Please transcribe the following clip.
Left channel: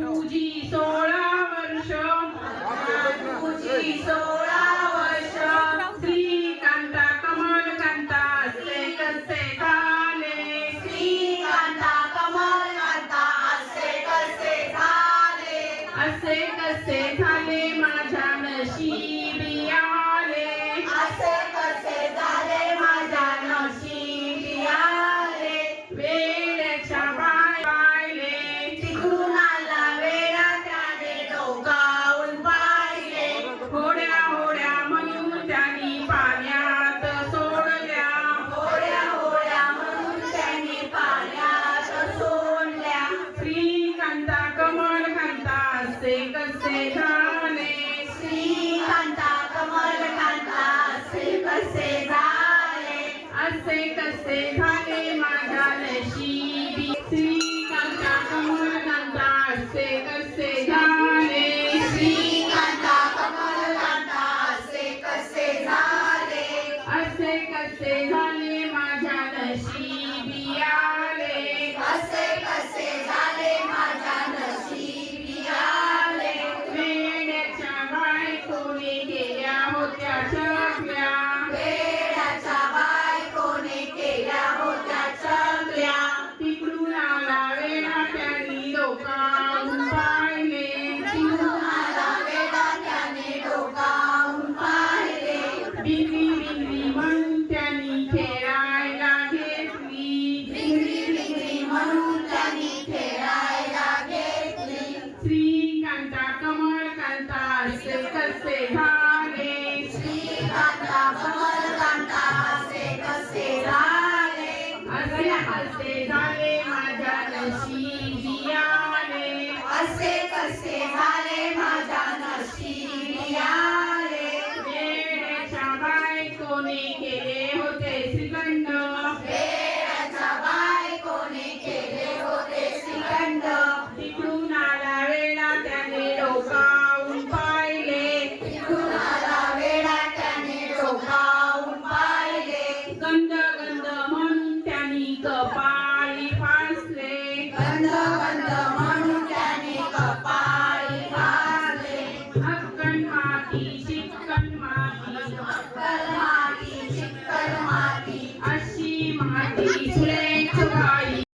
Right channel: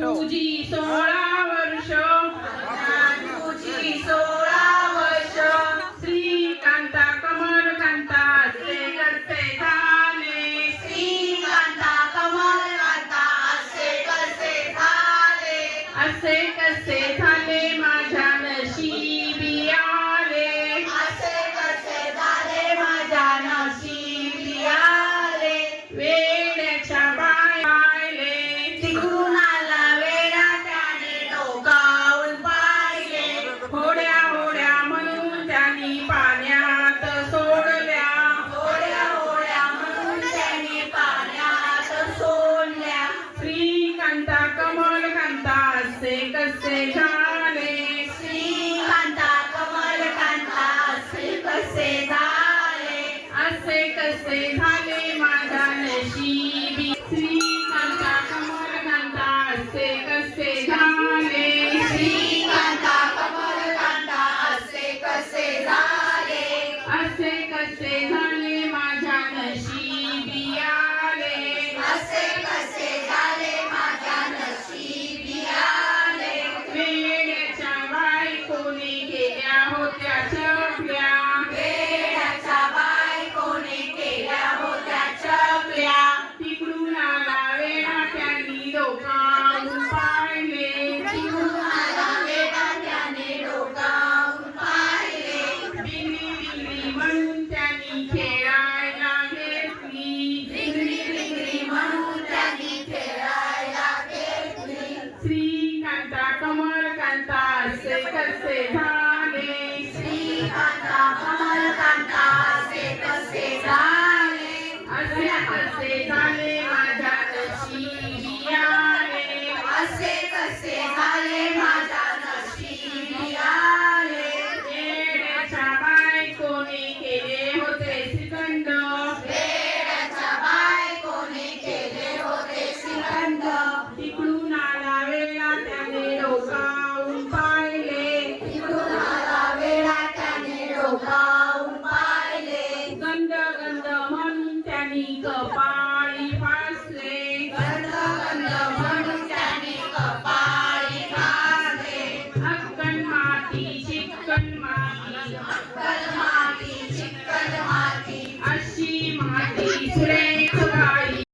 तुझी सोळा वर्ष. सोळा वर्ष. श्रीकांता कमल कांता असे कसे झाले श्रीकांता कमल कांता असे कसे झाले असे कसे झाले माझ्या नशिबी आले? असे कसे झाले माझ्या नशिबी आले? वेड्याच्या पायले. तिकडून कांता असे कसे झाले? श्रीकांता कमल कांता असे कसे झाले? असे कसे झाले माझ्या नशिबी? श्रीकांता कमल कांता असे कसे झाले? श्रीकांता कमल कांता असे कसे झाले? असे कसे झाले माझ्या नशिबी? बायकोने केल्या होत्या असे कसे झाले श्रीकांता कपाळी फासले गंध गंध म्हणून त्याने कपाळी घासले हक्कन माती चिक्कन माती. अक्कल